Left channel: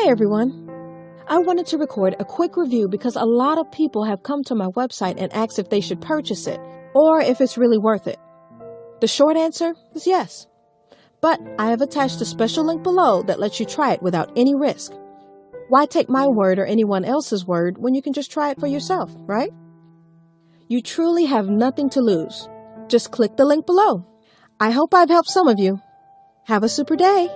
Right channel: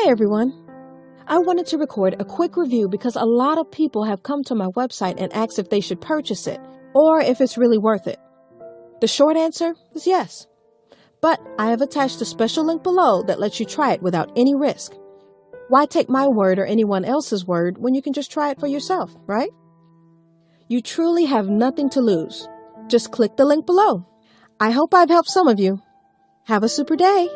Hey everyone! I wanted to record a quick review because a lot of people have come to my website and asked if they should purchase it or if it's really worth it. The short answer is yes. But I have attached a special link below that lets you try it without any risk. Why take my word or anyone else's word when you can just try it for yourself, right? You truly have nothing to lose. Just click the link below. I hope I've helped some of you. Have a super day!